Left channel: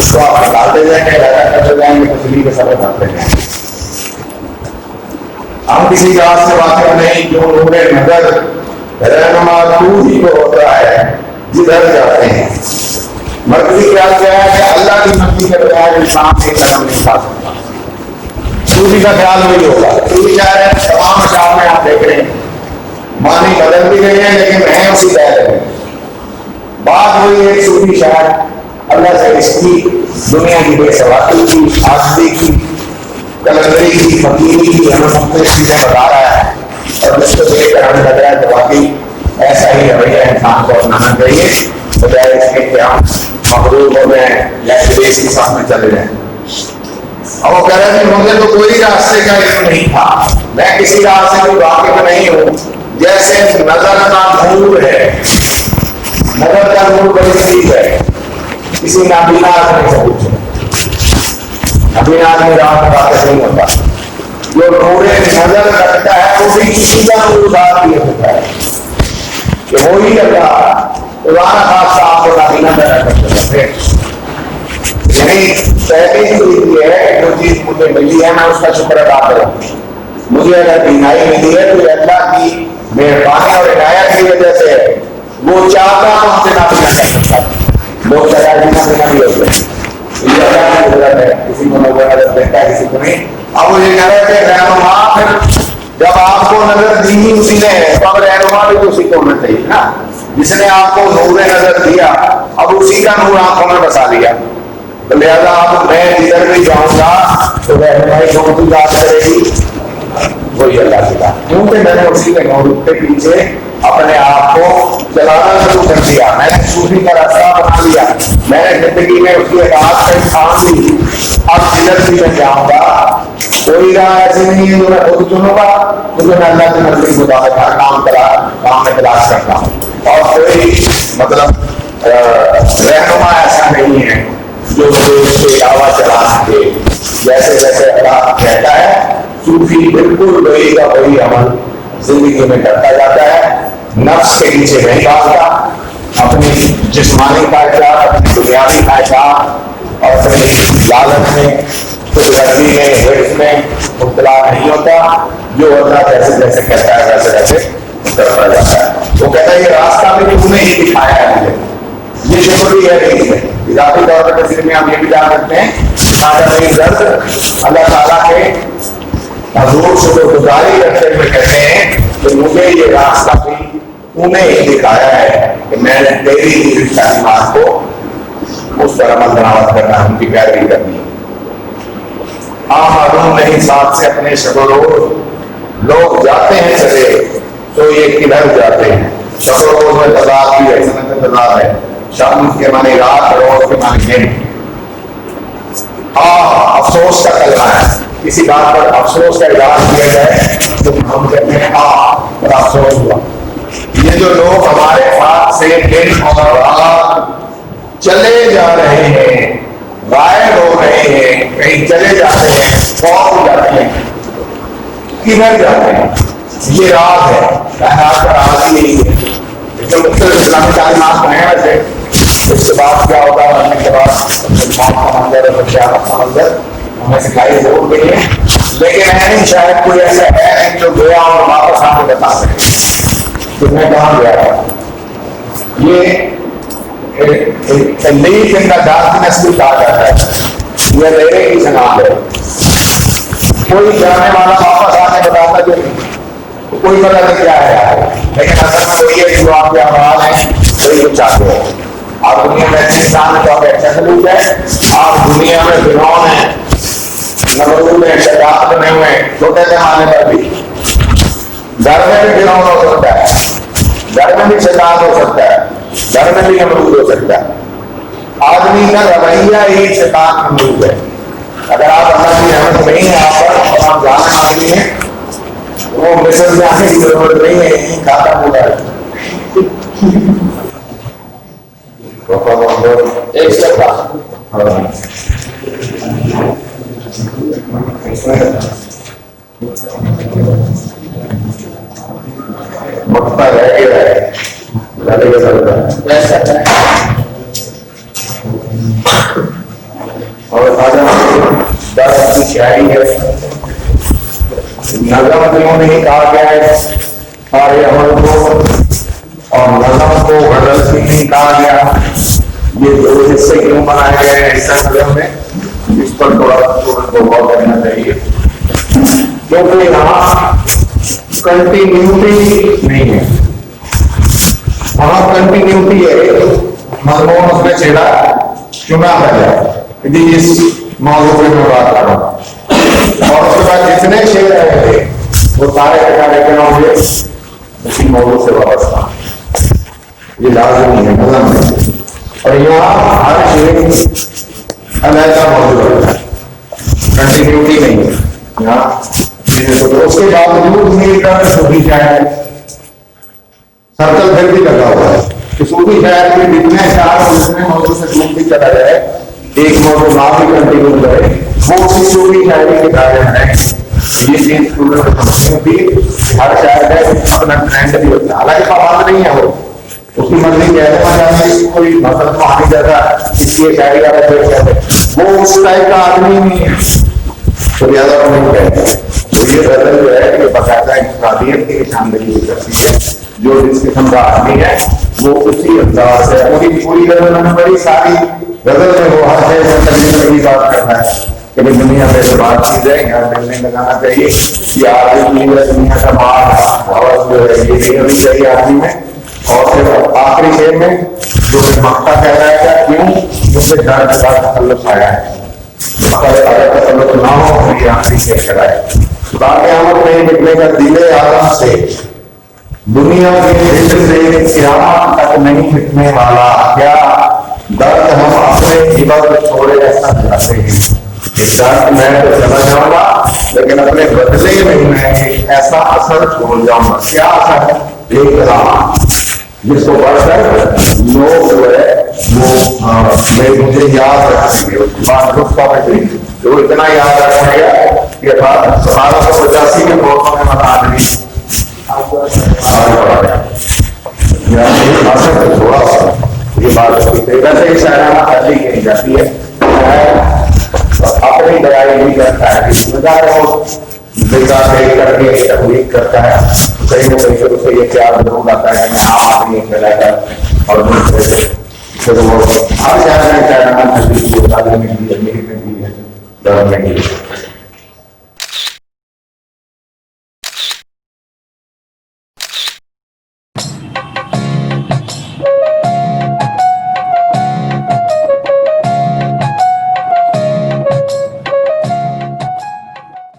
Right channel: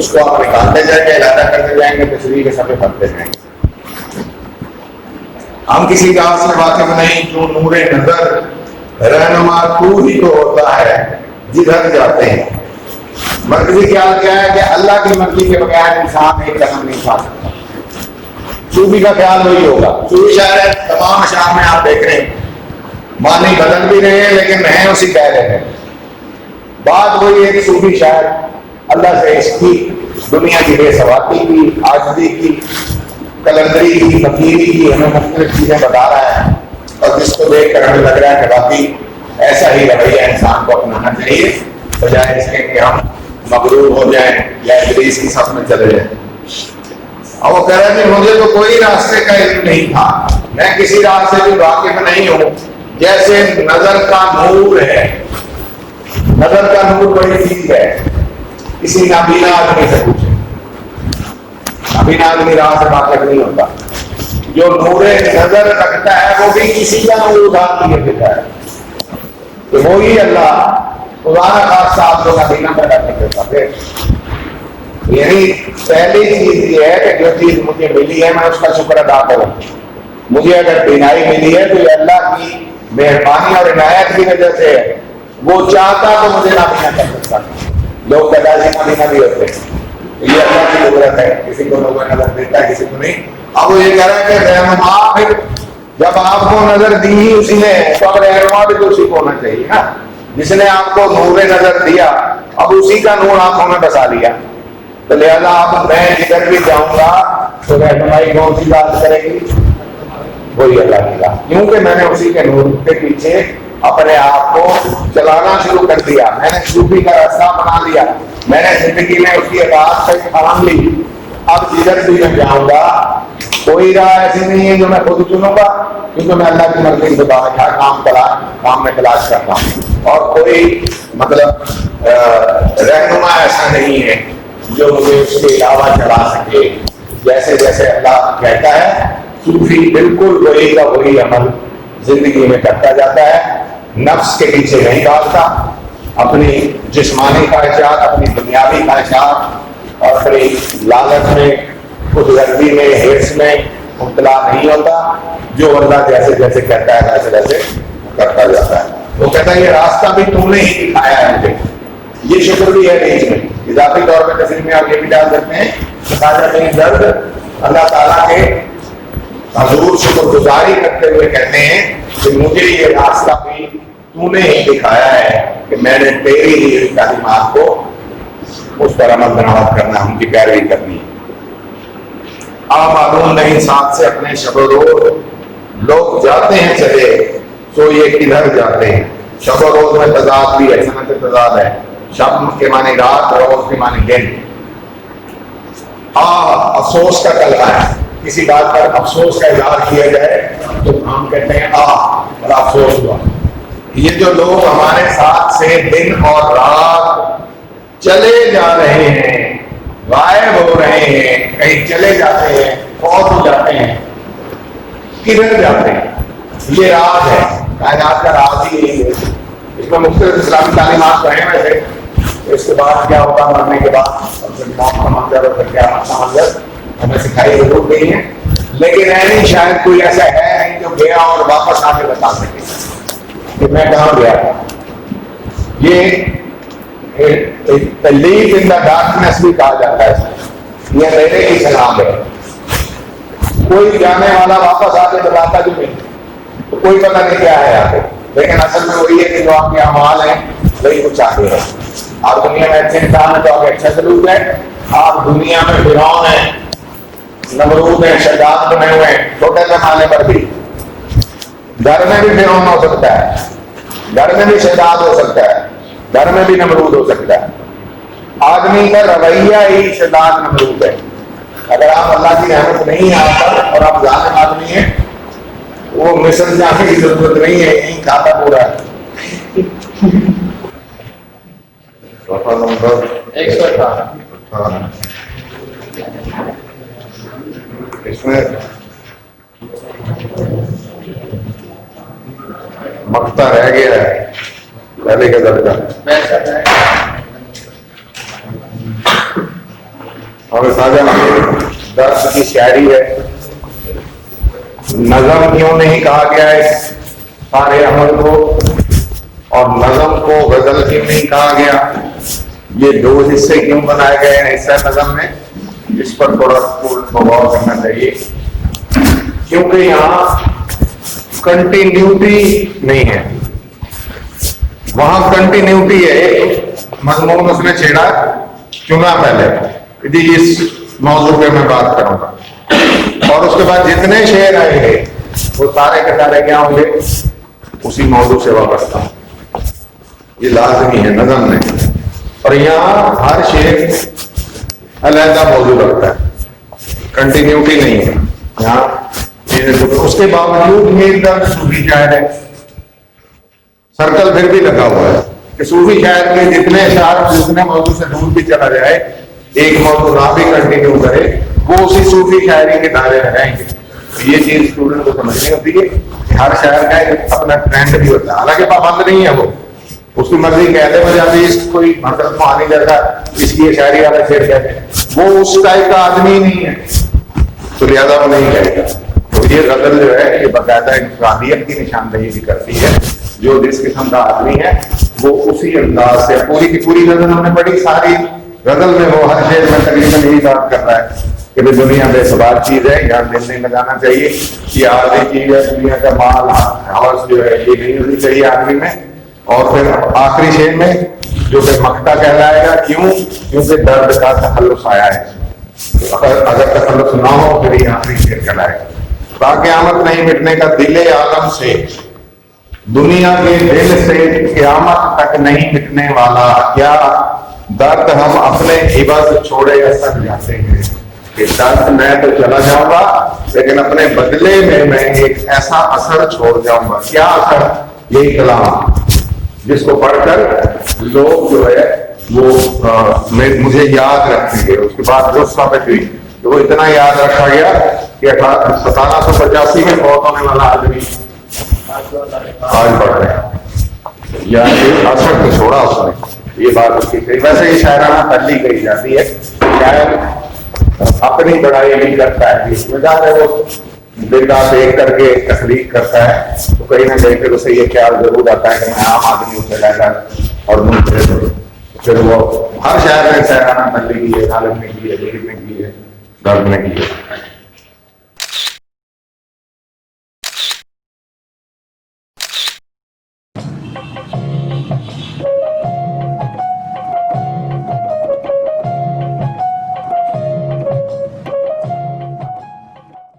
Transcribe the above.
اس کو آپ نکالتے جائیں گے، علیحدہ کرتے جائیں گے، تسلی کے سبب بنتے جائیں گے۔ ہم کسی بات سے واقف نہیں، جو نور نظر رہنما تو ہی تو ہوتا ہے جدھر جاتے ہیں۔ مرکزی خیال کیا ہے کہ اللہ کی مرضی کے بغیر انسان ایک قدم نہیں اٹھا سکتا۔ صوفی کا خیال نہیں ہوگا۔ صوفی شاعر تمام اشعار میں آپ دیکھ رہے ہیں معنی بدل بھی رہے ہیں لیکن ہیں اسی کہہ رہے ہیں۔ بات وہی ہے کہ صوفی شاعر اللہ سے اس کی دنیا کی بے ثباتی کی، عاجزی کی، کلندری کی، فقیری کی ہمیں مختلف چیزیں بتا رہا ہے، اور جس کو دیکھ کر ہمیں لگ رہا ہے کہ واقعی ایسا ہی رویہ انسان کو اپنانا چاہیے، بجائے اس کے کہ ہم مغرور ہو جائیں یا ابلیس کی صف میں چلے جائیں۔ اور وہ کہہ رہے تھے مجھے تو کوئی راستے کا علم نہیں تھا، میں کسی راستے سے واقف نہیں ہوں، جیسے نظر کا نور ہے۔ نظر کا نور بڑی چیز ہے، کسی نابینا آدمی سے پوچھے، نابینا آدمی راہ سے واقف نہیں ہوتا۔ جو نور نظر رکھتا ہے وہ بھی کسی کا نور ذات نہیں ہوتا ہے کہ وہی اللہ قرآن خاص آپ کو نابینا پیدا کر دیتا ہے۔ یعنی پہلی چیز یہ ہے کہ جو چیز مجھے ملی ہے میں اس کا شکر ادا کروں۔ مجھے اگر بینائی ملی ہے تو یہ اللہ کی مہربانی اور عنایت کی وجہ سے ہے۔ وہ چاہتا تو مجھے نابینا کر سکتا تھا، لوگ پیدائشی نابینا بھی ہوتے ہیں، یہ اللہ کی قدرت ہے، کسی کو نظر نظر دیتا ہے کسی کو نہیں۔ اب وہ یہ کہہ رہا ہے کہ رہنما پھر جب آپ کو نظر دی ہی اسی نے تو اب رہنما بھی تو اسی کو ہونا چاہیے نا، جس نے آپ کو نور نظر دیا اب اسی کا نور آنکھوں میں بسا لیا، تو لہذا اب میں جدھر بھی جاؤں گا تو رہنمائی کون سی بات کرے گی؟ وہی اللہ کی بات، کیونکہ میں نے اسی کے نور کے پیچھے اپنے آپ کو چلانا شروع کر دیا، میں نے صوفی کا راستہ بنا لیا، میں نے زندگی میں اس کی اطاعت کا ٹھان لی۔ اب جدھر بھی میں جاؤں گا کوئی راہ ایسی نہیں ہے جو میں خود چنوں گا، کیونکہ میں اللہ کے نزدیک مطابق ہر کام میں تلاش کرتا ہوں، اور کوئی مطلب رہنما ایسا نہیں ہے جو مجھے اس کے علاوہ چلا سکے۔ جیسے جیسے اللہ کہتا ہے صوفی بالکل وہی کا وہی عمل زندگی میں کرتا جاتا ہے، نفس کے پیچھے نہیں بھاگتا، اپنی جسمانی خواہشات، اپنی دنیاوی خواہشات اور اپنی لالچ میں، خود غرضی میں، حرص میں مبتلا نہیں ہوتا، جو اللہ جیسے جیسے کہتا ہے ویسے ویسے کرتا جاتا ہے۔ وہ کہتا ہے یہ راستہ بھی تو نے ہی دکھایا ہے مجھے، یہ شکر بھی ہے نہیں میں اضافی طور پر تصویر میں آپ یہ بھی ڈال دیتے ہیں درد اللہ تعالیٰ کے حضور شکر گزاری کرتے ہوئے کہتے ہیں کہ مجھے یہ راستہ بھی تو نے ہی دکھایا ہے کہ میں نے تیری ہی تعلیمات کو اس پر عمل درآمد کرنا، ان کی پیروی کرنی۔ آپ معلوم نہیں ساتھ سے اپنے شب و روز لوگ جاتے ہیں چلے تو یہ کدھر جاتے ہیں۔ شب و روز میں تضاد بھی ہے، سنت تضاد ہے، شب کے معنی رات، روز کے معنی دن۔ افسوس کا کلمہ ہے، کسی بات پر افسوس کا اظہار کیا جائے تو ہم کہتے ہیں اور افسوس ہوا۔ یہ جو لوگ ہمارے ساتھ سے دن اور رات چلے جا رہے ہیں، غائب ہو رہے ہیں، کہیں چلے جاتے ہیں، فوت ہو جاتے ہیں، کدھر جاتے ہیں؟ یہ راز ہے، کائنات کا راز ہی یہی ہے۔ اس میں مختلف اسلامی تعلیمات ہیں ویسے، اس کے بعد کیا ہوگا، مرنے کے بعد موت کا منظر اور قیامت کا منظر ہمیں سکھائی ضرور گئی ہے، لیکن نہیں شاید کوئی ایسا ہے نہیں جو گیا اور واپس آ کے بتا سکے کہ میں کہاں گیا تھا۔ یہ لیک ان دا ڈارکنیس بھی کہا جاتا ہے، یہ اندھیرے کی سلام ہے۔ کوئی جانے والا واپس آ کے بتاتا جو نہیں، کوئی پتہ نہیں کیا ہے، لیکن اصل میں وہی ہے کہ جو آپ کے اعمال ہیں وہی کچھ آگے ہے۔ آپ دنیا میں اچھے انسان ہیں تو آپ اچھا سلوک ہے، آپ دنیا میں فرعون ہیں، نمرود ہیں، شداد بنے ہوئے ہیں، چھوٹے زمانے پر بھی گھر میں بھی فرعون ہو سکتا ہے، گھر میں بھی شداد ہو سکتا ہے، گھر میں بھی نمرود ہو سکتا ہے۔ آدمی کا رویہ ہی شداد نمرود ہے۔ اگر آپ اللہ کی رحمت نہیں ہے آپ پر اور آپ ظالم آدمی ہیں، وہ مصر جانے کی ضرورت نہیں ہے، یہی کھاتا پورا ہے۔ ایک سیکنڈ اس میں مقطع رہ گیا ہے، پہلے کے درد کیوں نہیں کہا گیا ہے سارے عمل کو، اور نظم کو غزل کیوں نہیں کہا گیا؟ یہ دو حصے کیوں بنائے گئے ہیں حصہ نظم میں؟ اس پر تھوڑا کو غور کرنا چاہیے، کیونکہ یہاں کنٹینیوٹی نہیں ہے، وہاں کنٹینیوٹی ہے۔ مضمون اس میں چھیڑا چنا پہلے جی اس موضوع پہ میں بات کروں گا، اور اس کے بعد جتنے شعر آئے گے وہ سارے کتابیں کیا ہوں گے اسی موضوع سے وابستہ، یہ لازمی ہے نظم میں۔ اور یہاں ہر شعر علیحدہ موضوع رکھتا ہے، کنٹینیوٹی نہیں ہے یہاں چیزیں۔ اس کے باوجود میر کا صوفی شاعر ہے، سرکل پھر بھی لگا ہوا ہے کہ صوفی شاعر کے جتنے شعر جتنے موضوع سے دور بھی چلا جائے، ایک موضوع نہ بھی کنٹینیو کرے، وہ اسی صوفی شاعری کے دائرے میں رہیں گے۔ یہ چیز اسٹوڈنٹ کو سمجھنی ہوتی ہے کہ ہر شاعر کا اپنا ٹرینڈ بھی ہوتا ہے، حالانکہ پابند نہیں ہے وہ، اس کی مرضی کہتے ہو جاتی ہے، اس کو کوئی مطلب پانی جیسا اس کی شاعری والے پھر کہتے ہیں، وہ اس ٹائپ کا آدمی نہیں ہے تو لہٰذا وہ نہیں کہتے۔ تو یہ غزل جو ہے یہ باقاعدہ انفرادیت کی نشاندہی بھی کرتی ہے، جو جس قسم کا آدمی ہے وہ اسی انداز سے پوری کی پوری غزل میں بڑی ساری غزل میں وہ ہر شعر میں تقریباً وہی بات کرتا ہے کہ دنیا بے شمار چیز ہے، یہاں دل نہیں لگانا چاہیے، یہ آدھی چیز ہے، دنیا کا مال حوث جو ہے یہ نہیں ہونی چاہیے آدمی میں۔ اور پھر آخری شعر میں جو کہ مقطع کہلائے گا، کیوں؟ کیونکہ درد کا تخلص آیا ہے، اگر تخلص نہ ہو تو یہ آخری شعر کرائے قیامت نہیں مٹنے کا دل عالم سے، دنیا کے دل سے قیامت تک نہیں مٹنے والا، کیا درد ہم اپنے عبادت چھوڑے سب جاتے ہیں کہ درد میں تو چلا جاؤں گا لیکن اپنے بدلے میں ایک ایسا اثر چھوڑ جاؤں گا۔ کیا اثر؟ ایک کلام جس کو پڑھ کر لوگ جو ہے وہ مجھے یاد رکھیں گے، اس کے بعد جو اتنا یاد رکھا گیا کہ 1785 کے موقع میں والا آدمی آج بڑھا گیا یا اثر تو تھوڑا سا، یہ بات ہوتی ہے۔ ویسے ہی شاعرانہ ترجیح کہی جاتی ہے، اپنی بڑائی نہیں کرتا ہے، وجہ ہے وہ دیکھا دیکھ کر کے تخلیق کرتا ہے تو کہیں نہ کہیں پھر اسے یہ خیال ضرور آتا ہے کہ میں عام آدمیوں سے رہ کر اور دوسرے سے پھر وہ ہر شہر میں شاعرانہ ترجیح کی ہے، تعلیم میں کی ہے، لکھنے کی ہے، درد میں کی ہے۔